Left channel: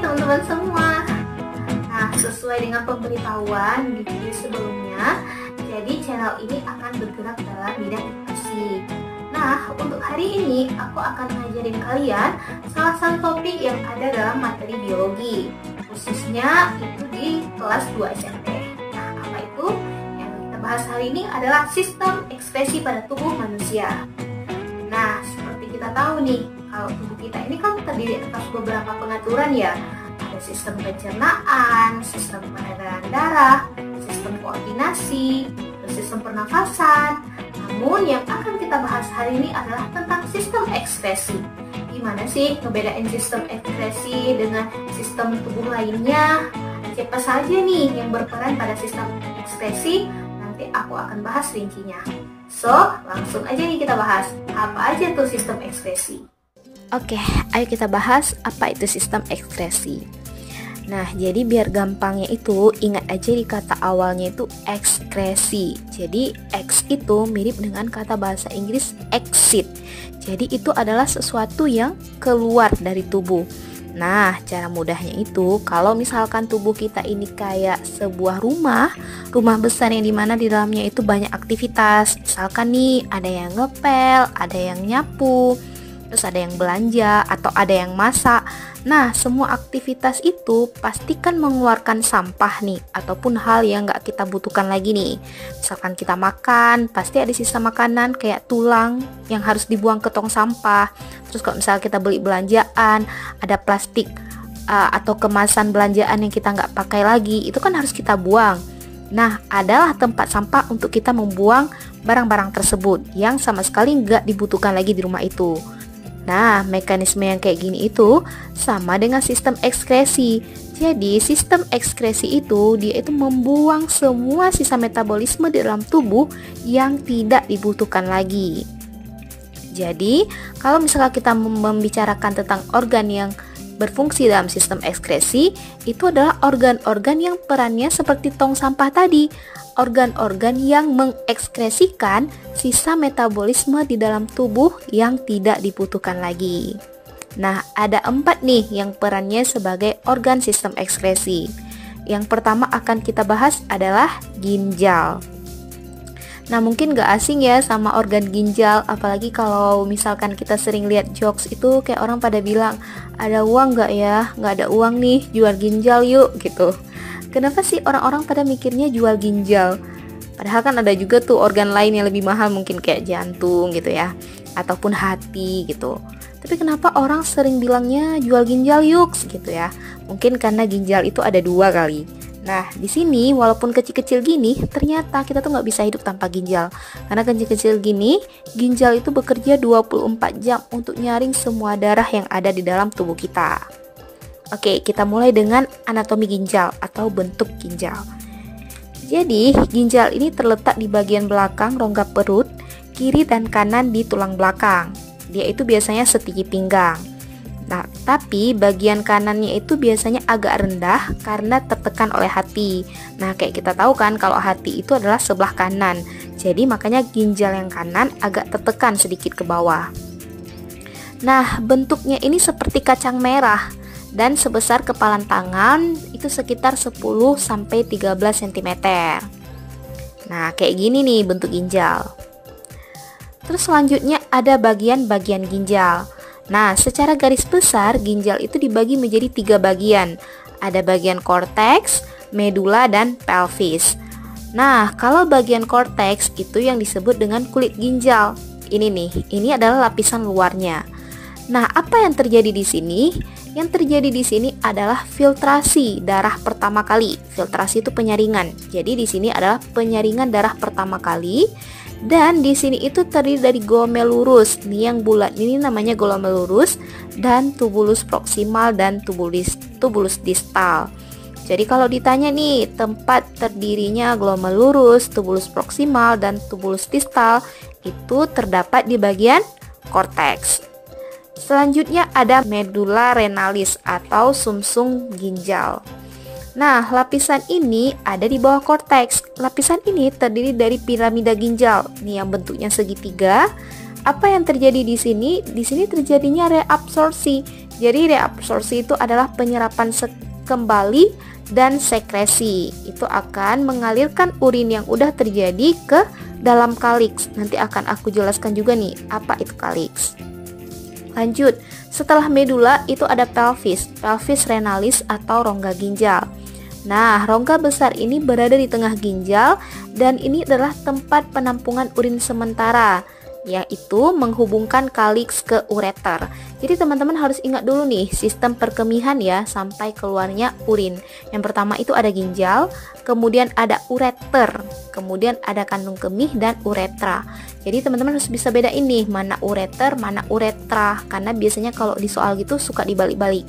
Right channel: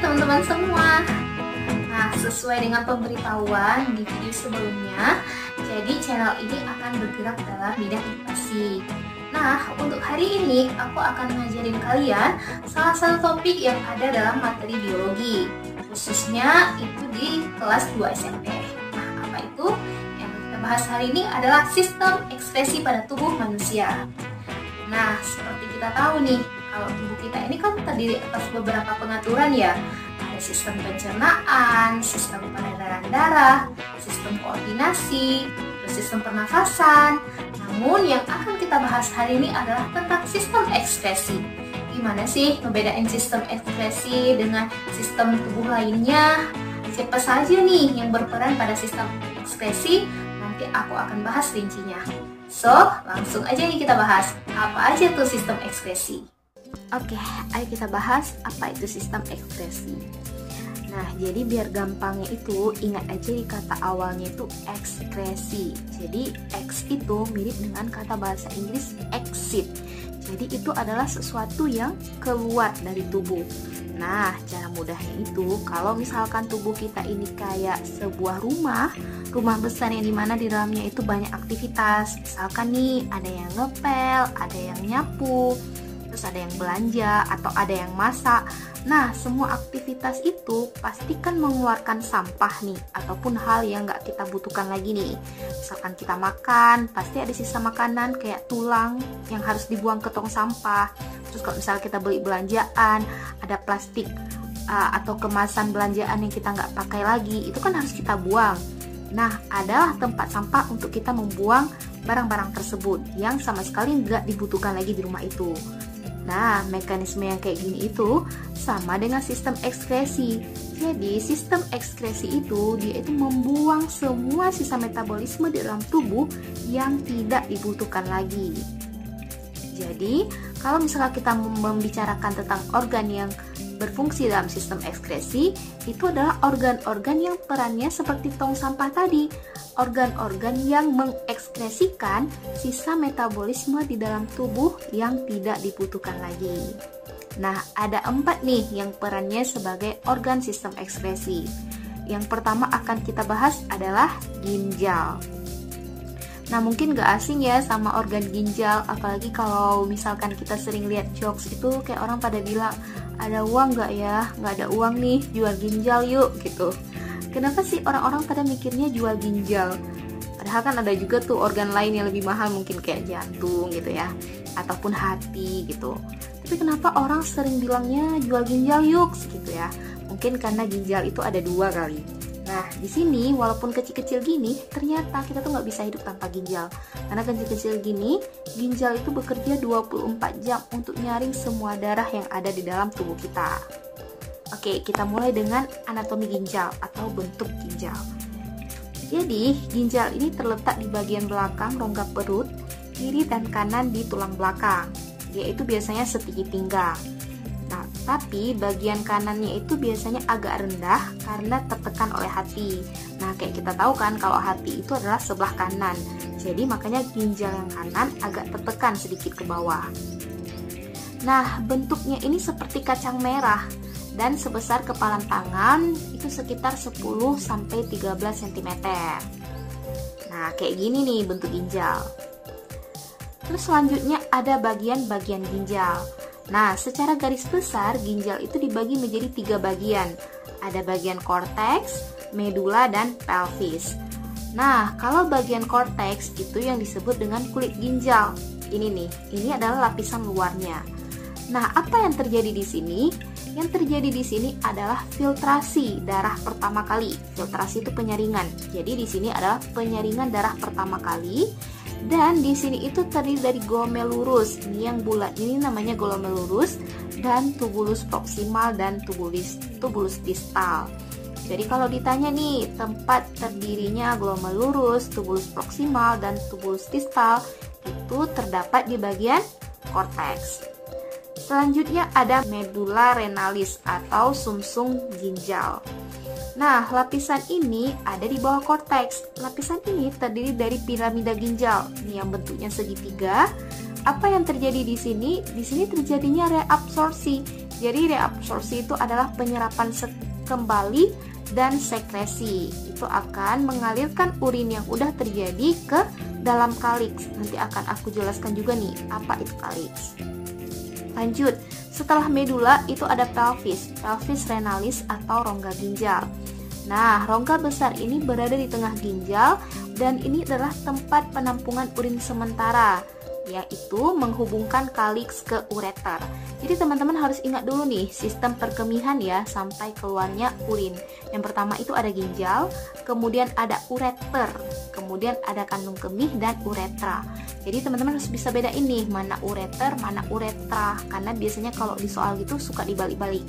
teman-teman semua. Nah, sesuai dengan pemberitahuan di video sebelumnya, jadi channel ini akan bergerak dalam bidang edukasi. Nah, untuk hari ini aku akan ngajarin kalian salah satu topik yang ada dalam materi biologi, khususnya itu di kelas 2 SMP. Nah, apa itu? Yang kita bahas hari ini adalah sistem ekspresi pada tubuh manusia. Nah, seperti kita tahu nih, kalau tubuh kita ini kan terdiri atas beberapa pengaturan ya. Ada sistem pencernaan, sistem peredaran darah, sistem koordinasi, sistem pernafasan. Namun yang akan kita bahas hari ini adalah tentang sistem ekspresi. Gimana sih ngebedain sistem ekspresi dengan sistem tubuh lainnya? Siapa saja nih yang berperan pada sistem ekspresi? Nanti aku akan bahas rincinya. So, langsung aja nih kita bahas apa aja tuh sistem ekspresi. Oke, ayo kita bahas apa itu sistem ekspresi. Nah, jadi biar gampangnya itu ingat aja di kata awalnya itu ekskresi. Jadi X itu mirip dengan kata bahasa Inggris exit. Jadi itu adalah sesuatu yang keluar dari tubuh. Nah, cara mudahnya itu kalau misalkan tubuh kita ini kayak sebuah rumah besar yang dimana di dalamnya itu banyak aktivitas. Misalkan nih ada yang ngepel, ada yang nyapu, terus ada yang belanja atau ada yang masak. Nah, semua aktivitas itu pastikan mengeluarkan sampah nih, ataupun hal yang gak kita butuhkan lagi nih. Misalkan kita makan, pasti ada sisa makanan kayak tulang yang harus dibuang ke tong sampah. Terus kalau misalnya kita beli belanjaan, ada plastik atau kemasan belanjaan yang kita gak pakai lagi, itu kan harus kita buang. Nah, adalah tempat sampah untuk kita membuang barang-barang tersebut yang sama sekali gak dibutuhkan lagi di rumah itu. Nah, mekanisme yang kayak gini itu sama dengan sistem ekskresi. Jadi, sistem ekskresi itu dia itu membuang semua sisa metabolisme di dalam tubuh yang tidak dibutuhkan lagi. Jadi, kalau misalnya kita membicarakan tentang organ yang berfungsi dalam sistem ekskresi, itu adalah organ-organ yang perannya seperti tong sampah tadi. Organ-organ yang mengekskresikan sisa metabolisme di dalam tubuh yang tidak dibutuhkan lagi. Nah, ada 4 nih yang perannya sebagai organ sistem ekskresi. Yang pertama akan kita bahas adalah ginjal. Nah, mungkin gak asing ya sama organ ginjal, apalagi kalau misalkan kita sering lihat jokes itu kayak orang pada bilang, ada uang gak ya? Gak ada uang nih, jual ginjal yuk gitu. Kenapa sih orang-orang pada mikirnya jual ginjal? Padahal kan ada juga tuh organ lain yang lebih mahal, mungkin kayak jantung gitu ya, ataupun hati gitu. Tapi kenapa orang sering bilangnya jual ginjal yuk gitu ya? Mungkin karena ginjal itu ada 2 kali. Nah, di sini walaupun kecil-kecil gini, ternyata kita tuh nggak bisa hidup tanpa ginjal. Karena kecil-kecil gini, ginjal itu bekerja 24 jam untuk nyaring semua darah yang ada di dalam tubuh kita. Oke, kita mulai dengan anatomi ginjal atau bentuk ginjal. Jadi, ginjal ini terletak di bagian belakang rongga perut, kiri dan kanan di tulang belakang. Dia itu biasanya setinggi pinggang. Nah, tapi bagian kanannya itu biasanya agak rendah karena tertekan oleh hati. Nah, kayak kita tahu kan kalau hati itu adalah sebelah kanan. Jadi makanya ginjal yang kanan agak tertekan sedikit ke bawah. Nah, bentuknya ini seperti kacang merah dan sebesar kepalan tangan itu sekitar 10-13 cm. Nah, kayak gini nih bentuk ginjal. Terus selanjutnya ada bagian-bagian ginjal. Nah, secara garis besar ginjal itu dibagi menjadi 3 bagian. Ada bagian korteks, medula, dan pelvis. Nah, kalau bagian korteks itu yang disebut dengan kulit ginjal. Ini nih, ini adalah lapisan luarnya. Nah, apa yang terjadi di sini? Yang terjadi di sini adalah filtrasi darah pertama kali. Filtrasi itu penyaringan. Jadi di sini adalah penyaringan darah pertama kali. Dan di sini itu terdiri dari glomerulus. Ini yang bulat ini namanya glomerulus, dan tubulus proksimal dan tubulus distal. Jadi kalau ditanya nih tempat terdirinya glomerulus, tubulus proksimal dan tubulus distal itu terdapat di bagian korteks. Selanjutnya ada medula renalis atau sumsum ginjal. Nah, lapisan ini ada di bawah korteks. Lapisan ini terdiri dari piramida ginjal. Nih yang bentuknya segitiga. Apa yang terjadi di sini? Di sini terjadinya reabsorpsi. Jadi reabsorpsi itu adalah penyerapan kembali dan sekresi. Itu akan mengalirkan urin yang udah terjadi ke dalam kaliks. Nanti akan aku jelaskan juga nih apa itu kaliks. Lanjut, setelah medula itu ada pelvis renalis atau rongga ginjal. Nah, rongga besar ini berada di tengah ginjal dan ini adalah tempat penampungan urin sementara, yaitu menghubungkan kaliks ke ureter. Jadi teman-teman harus ingat dulu nih sistem perkemihan ya sampai keluarnya urin. Yang pertama itu ada ginjal, kemudian ada ureter, kemudian ada kandung kemih dan uretra. Jadi teman-teman harus bisa bedain nih mana ureter, mana uretra, karena biasanya kalau di soal gitu suka dibalik-balik.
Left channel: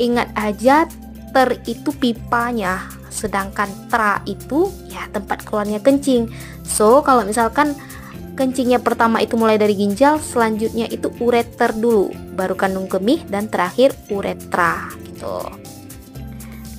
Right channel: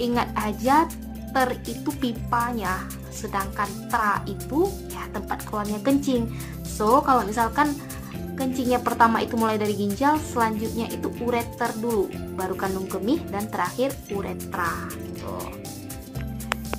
Ingat aja, ter itu pipanya, sedangkan tra itu ya tempat keluarnya kencing. So kalau misalkan kencingnya pertama itu mulai dari ginjal, selanjutnya itu ureter dulu, baru kandung kemih, dan terakhir uretra gitu.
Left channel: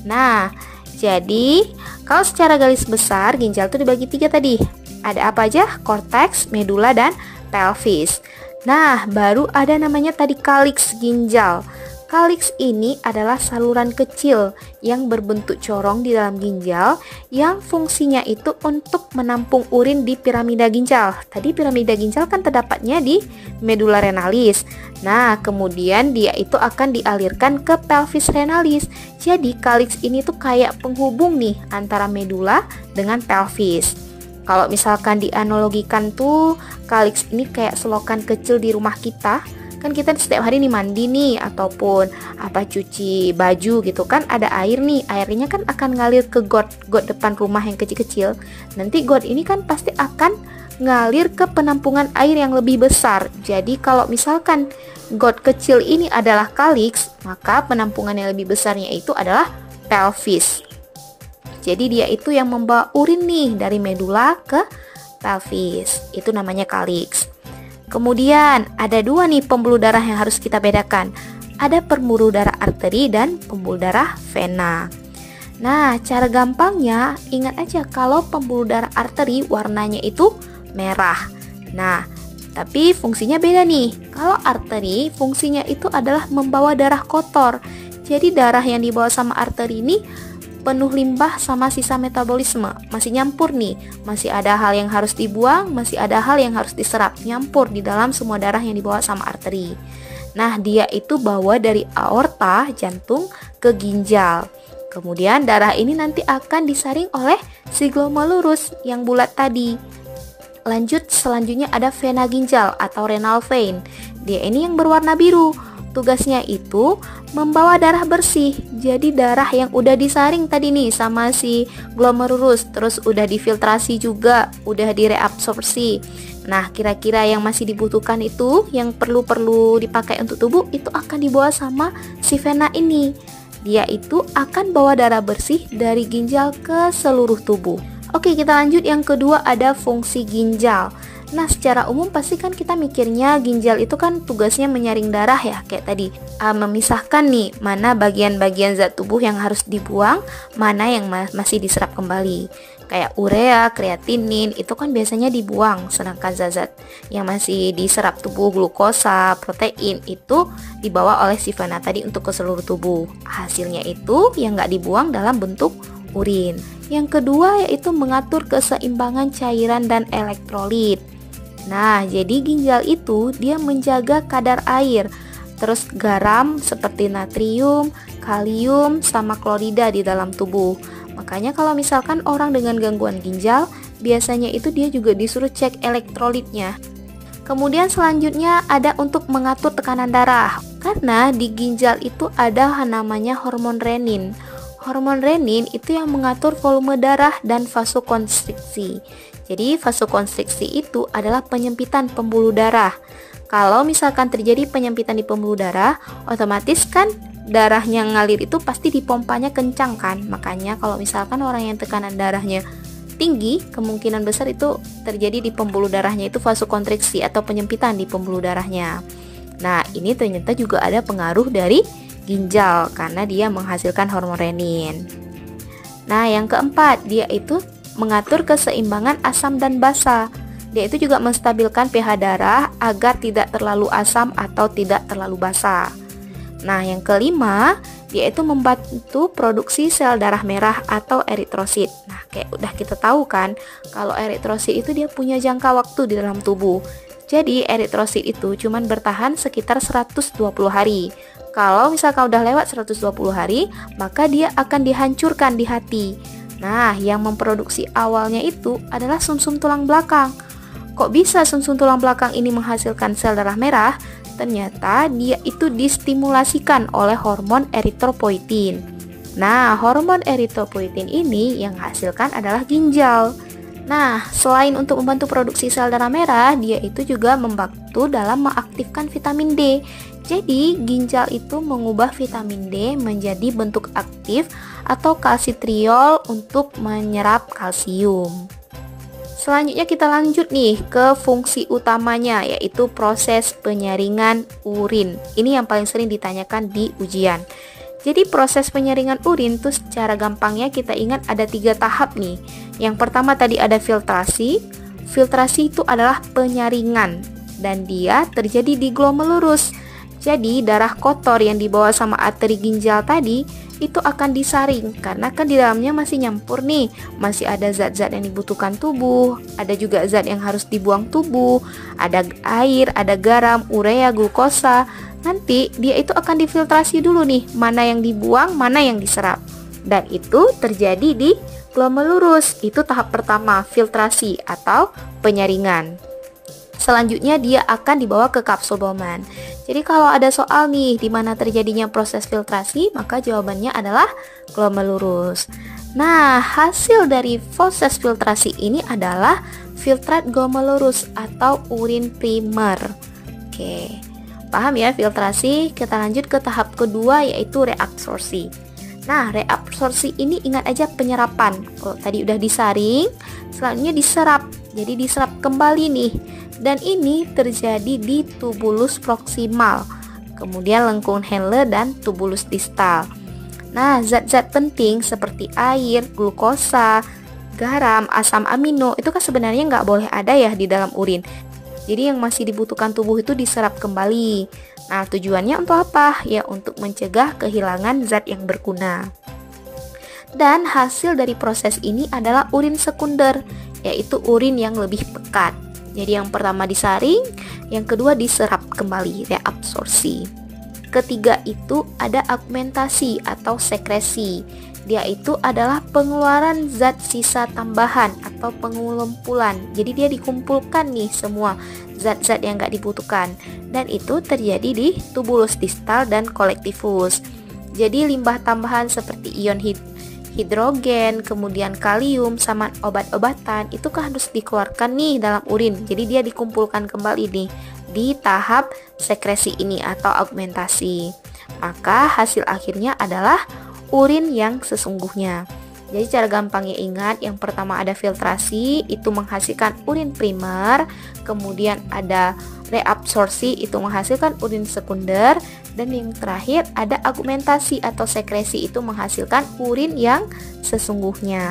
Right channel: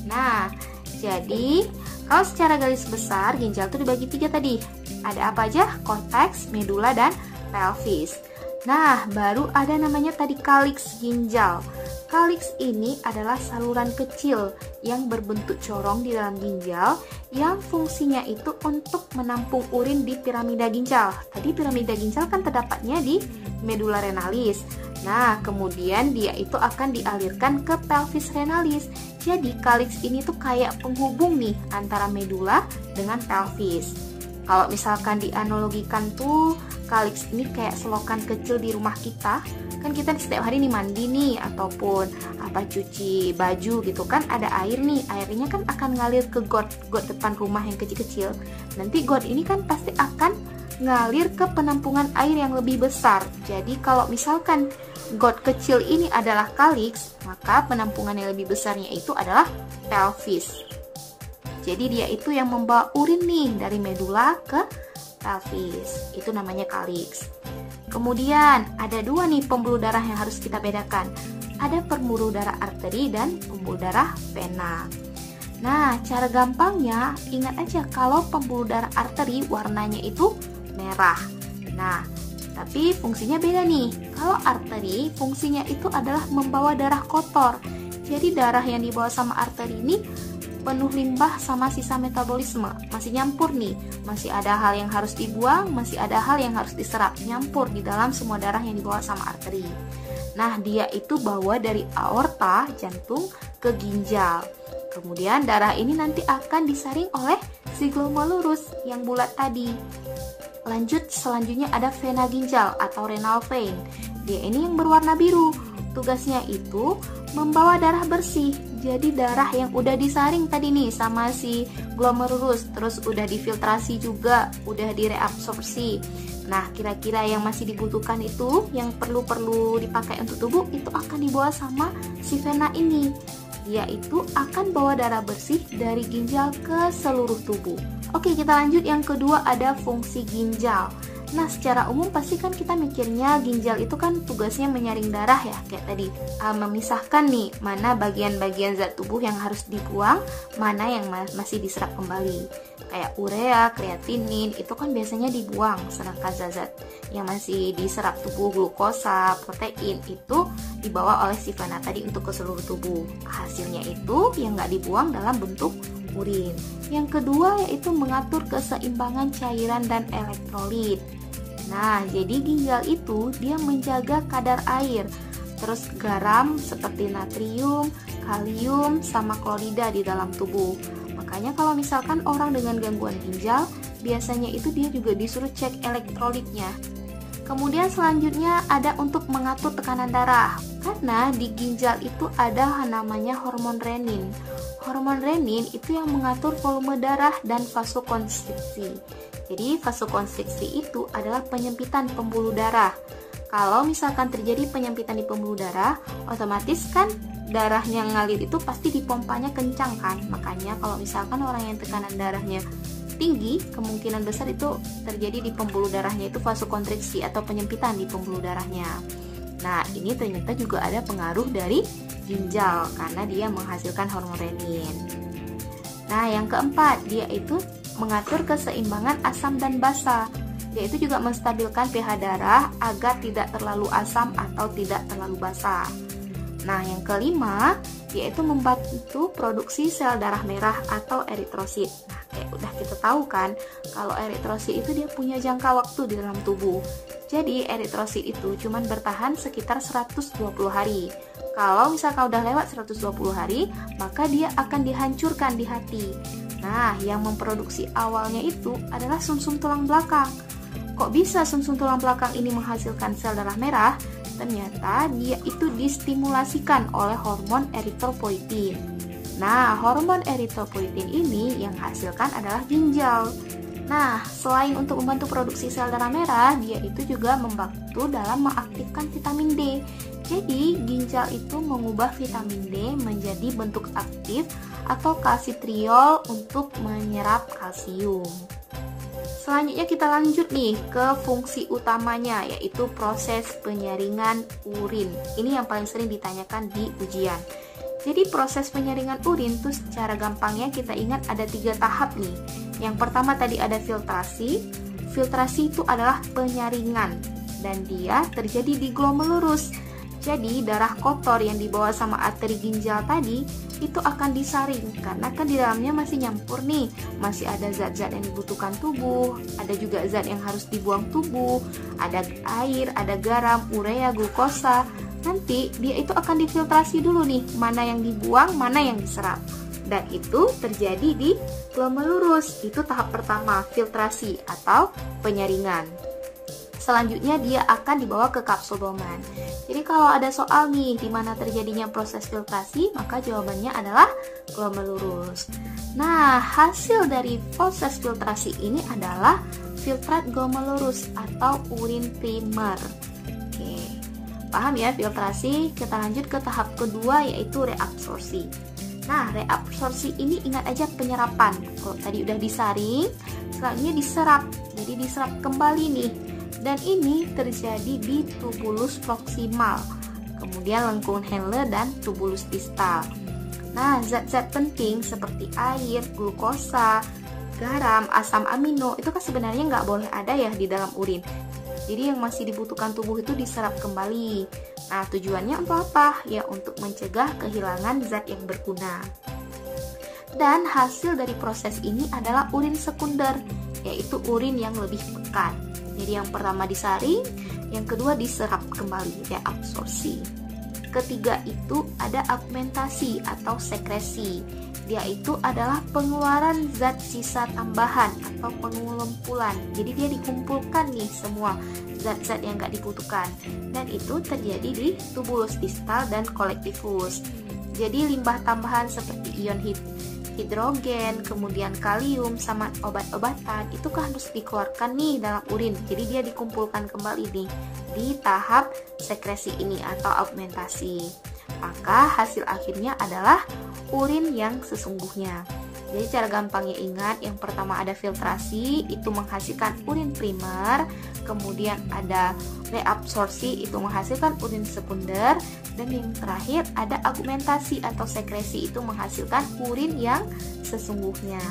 Nah, jadi kalau secara garis besar ginjal itu dibagi 3 tadi. Ada apa aja? Korteks, medula, dan pelvis. Nah, baru ada namanya tadi kaliks ginjal. Kaliks ini adalah saluran kecil yang berbentuk corong di dalam ginjal yang fungsinya itu untuk menampung urin di piramida ginjal. Tadi piramida ginjal kan terdapatnya di medula renalis. Nah, kemudian dia itu akan dialirkan ke pelvis renalis. Jadi kaliks ini tuh kayak penghubung nih antara medula dengan pelvis. Kalau misalkan dianalogikan tuh kaliks ini kayak selokan kecil di rumah kita. Kan kita setiap hari nih mandi nih ataupun cuci baju gitu kan, ada air nih, airnya kan akan ngalir ke got depan rumah yang kecil-kecil. Nanti got ini kan pasti akan ngalir ke penampungan air yang lebih besar. Jadi kalau misalkan got kecil ini adalah kaliks, maka penampungan yang lebih besarnya itu adalah pelvis. Jadi dia itu yang membawa urin nih dari medula ke pelvis. Itu namanya kaliks. Kemudian ada 2 nih pembuluh darah yang harus kita bedakan. Ada pembuluh darah arteri dan pembuluh darah vena. Nah, cara gampangnya ingat aja kalau pembuluh darah arteri warnanya itu merah. Nah, tapi fungsinya beda nih. Kalau arteri fungsinya itu adalah membawa darah kotor. Jadi darah yang dibawa sama arteri ini penuh limbah sama sisa metabolisme, masih nyampur nih, masih ada hal yang harus dibuang, masih ada hal yang harus diserap, nyampur di dalam semua darah yang dibawa sama arteri. Nah, dia itu bawa dari aorta, jantung, ke ginjal. Kemudian darah ini nanti akan disaring oleh si glomerulus yang bulat tadi. Lanjut, selanjutnya ada vena ginjal atau renal vein. Dia ini yang berwarna biru. Tugasnya itu membawa darah bersih. Jadi darah yang udah disaring tadi nih sama si glomerulus, terus udah difiltrasi juga, udah direabsorpsi. Nah, kira-kira yang masih dibutuhkan itu, yang perlu dipakai untuk tubuh, itu akan dibawa sama si vena ini. Dia itu akan bawa darah bersih dari ginjal ke seluruh tubuh. Oke, kita lanjut. Yang kedua ada fungsi ginjal. Nah, secara umum pasti kan kita mikirnya ginjal itu kan tugasnya menyaring darah ya, kayak tadi memisahkan nih mana bagian-bagian zat tubuh yang harus dibuang, mana yang masih diserap kembali. Kayak urea, kreatinin itu kan biasanya dibuang, sedangkan zat-zat yang masih diserap tubuh, glukosa, protein itu dibawa oleh si vena tadi untuk ke seluruh tubuh. Hasilnya itu yang nggak dibuang dalam bentuk urin. Yang kedua yaitu mengatur keseimbangan cairan dan elektrolit. Nah, jadi ginjal itu dia menjaga kadar air, terus garam seperti natrium, kalium, sama klorida di dalam tubuh. Makanya kalau misalkan orang dengan gangguan ginjal, biasanya itu dia juga disuruh cek elektrolitnya. Kemudian selanjutnya ada untuk mengatur tekanan darah. Karena di ginjal itu ada namanya hormon renin. Hormon renin itu yang mengatur volume darah dan vasokonstriksi. Jadi vasokonstriksi itu adalah penyempitan pembuluh darah. Kalau misalkan terjadi penyempitan di pembuluh darah, otomatis kan darahnya ngalir itu pasti dipompanya kencang kan. Makanya kalau misalkan orang yang tekanan darahnya tinggi, kemungkinan besar itu terjadi di pembuluh darahnya itu vasokonstriksi atau penyempitan di pembuluh darahnya. Nah, ini ternyata juga ada pengaruh dari ginjal karena dia menghasilkan hormon renin. Nah, yang keempat, dia itu mengatur keseimbangan asam dan basa. Dia itu juga menstabilkan pH darah agar tidak terlalu asam atau tidak terlalu basa. Nah, yang kelima, yaitu membantu produksi sel darah merah atau eritrosit. Nah, kayak udah kita tahu kan, kalau eritrosit itu dia punya jangka waktu di dalam tubuh. Jadi, eritrosit itu cuman bertahan sekitar 120 hari. Kalau misalkan udah lewat 120 hari, maka dia akan dihancurkan di hati. Nah, yang memproduksi awalnya itu adalah sumsum tulang belakang. Kok bisa sumsum tulang belakang ini menghasilkan sel darah merah? Ternyata dia itu distimulasikan oleh hormon eritropoietin. Nah, hormon eritropoietin ini yang hasilkan adalah ginjal. Nah, selain untuk membantu produksi sel darah merah, dia itu juga membantu dalam mengaktifkan vitamin D. Jadi, ginjal itu mengubah vitamin D menjadi bentuk aktif atau kalsitriol untuk menyerap kalsium. Selanjutnya kita lanjut nih ke fungsi utamanya, yaitu proses penyaringan urin. Ini yang paling sering ditanyakan di ujian. Jadi proses penyaringan urin tuh secara gampangnya kita ingat ada 3 tahap nih. Yang pertama tadi ada filtrasi. Filtrasi itu adalah penyaringan dan dia terjadi di glomerulus. Jadi darah kotor yang dibawa sama arteri ginjal tadi itu akan disaring karena kan di dalamnya masih nyampur nih, masih ada zat-zat yang dibutuhkan tubuh, ada juga zat yang harus dibuang tubuh, ada air, ada garam, urea, glukosa. Nanti dia itu akan difiltrasi dulu nih, mana yang dibuang, mana yang diserap. Dan itu terjadi di glomerulus. Itu tahap pertama, filtrasi atau penyaringan. Selanjutnya dia akan dibawa ke kapsul Bowman. Jadi kalau ada soal nih di mana terjadinya proses filtrasi, maka jawabannya adalah glomerulus. Nah, hasil dari proses filtrasi ini adalah filtrat glomerulus atau urin primer. Oke. Paham ya filtrasi? Kita lanjut ke tahap kedua yaitu reabsorpsi. Nah, reabsorpsi ini ingat aja penyerapan. Kalau tadi udah disaring, selanjutnya diserap. Jadi diserap kembali nih. Dan ini terjadi di tubulus proksimal, kemudian lengkung Henle dan tubulus distal. Nah, zat-zat penting seperti air, glukosa, garam, asam amino itu kan sebenarnya nggak boleh ada ya di dalam urin. Jadi yang masih dibutuhkan tubuh itu diserap kembali. Nah, tujuannya untuk apa? Ya untuk mencegah kehilangan zat yang berguna. Dan hasil dari proses ini adalah urin sekunder, yaitu urin yang lebih pekat. Jadi yang pertama disaring, yang kedua diserap kembali, reabsorpsi. Ketiga itu ada augmentasi atau sekresi. Dia itu adalah pengeluaran zat sisa tambahan atau pengumpulan. Jadi dia dikumpulkan nih semua zat-zat yang gak dibutuhkan. Dan itu terjadi di tubulus distal dan kolektivus. Jadi limbah tambahan seperti ion hidrogen, kemudian kalium, sama obat-obatan itu kan harus dikeluarkan nih dalam urin. Jadi dia dikumpulkan kembali nih di tahap sekresi ini atau augmentasi. Maka hasil akhirnya adalah urin yang sesungguhnya. Jadi cara gampangnya ingat, yang pertama ada filtrasi, itu menghasilkan urin primer, kemudian ada reabsorpsi, itu menghasilkan urin sekunder, dan yang terakhir ada augmentasi atau sekresi, itu menghasilkan urin yang sesungguhnya.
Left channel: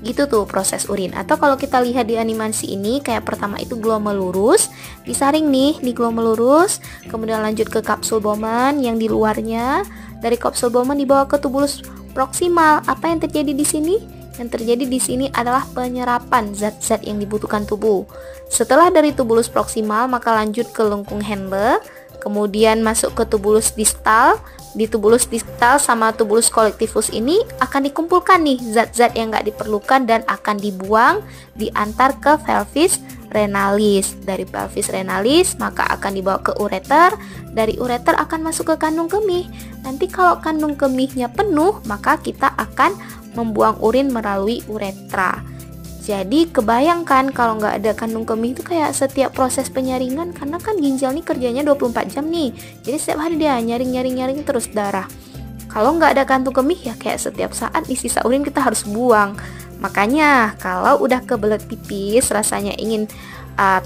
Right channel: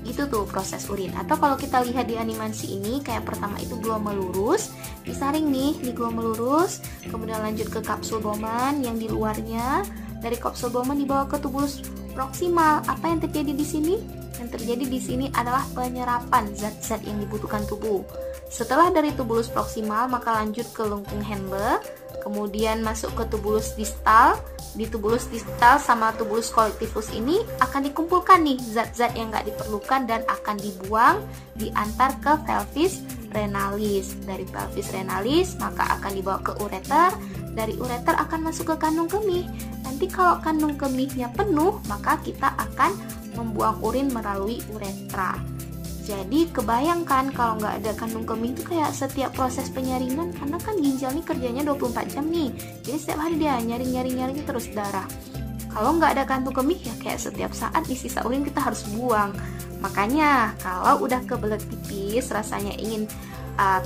Gitu tuh proses urin. Atau kalau kita lihat di animasi ini, kayak pertama itu glomerulus, disaring nih di glomerulus, kemudian lanjut ke kapsul Bowman yang di luarnya, dari kapsul Bowman dibawa ke tubulus proksimal. Apa yang terjadi di sini? Yang terjadi di sini adalah penyerapan zat-zat yang dibutuhkan tubuh. Setelah dari tubulus proksimal, maka lanjut ke lengkung Henle, kemudian masuk ke tubulus distal. Di tubulus distal sama tubulus kolektivus ini akan dikumpulkan nih zat-zat yang nggak diperlukan dan akan dibuang, diantar ke pelvis renalis. Dari pelvis renalis maka akan dibawa ke ureter. Dari ureter akan masuk ke kandung kemih. Nanti kalau kandung kemihnya penuh, maka kita akan membuang urin melalui uretra. Jadi kebayangkan kalau nggak ada kandung kemih itu kayak setiap proses penyaringan, karena kan ginjal nih kerjanya 24 jam nih. Jadi setiap hari dia nyaring terus darah. Kalau nggak ada kandung kemih ya kayak setiap saat nih sisa urin kita harus buang. Makanya kalau udah kebelet pipis, rasanya ingin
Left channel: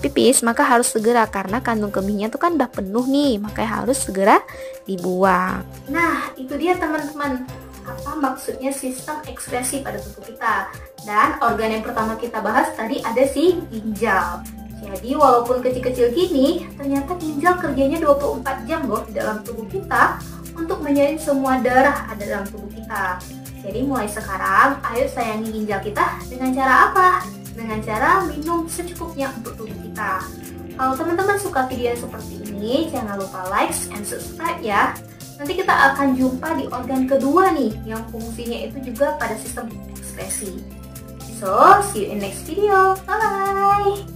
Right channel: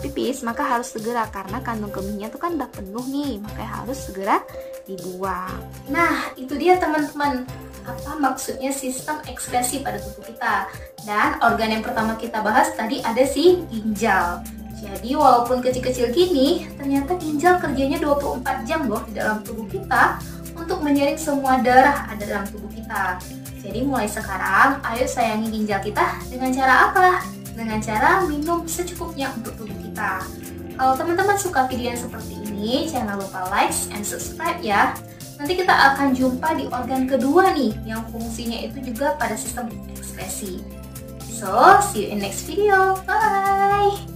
pipis, maka harus segera, karena kandung kemihnya tuh kan udah penuh nih, makanya harus segera dibuang. Nah, itu dia teman-teman, apa maksudnya sistem ekskresi pada tubuh kita. Dan organ yang pertama kita bahas tadi ada si ginjal. Jadi walaupun kecil-kecil gini, ternyata ginjal kerjanya 24 jam loh di dalam tubuh kita untuk menyaring semua darah ada dalam tubuh kita. Jadi mulai sekarang, ayo sayangi ginjal kita dengan cara apa? Dengan cara minum secukupnya untuk tubuh kita. Kalau teman-teman suka video yang seperti ini, jangan lupa like and subscribe ya. Nanti kita akan jumpa di organ kedua nih, yang fungsinya itu juga pada sistem ekskresi. So, see you in next video. Bye!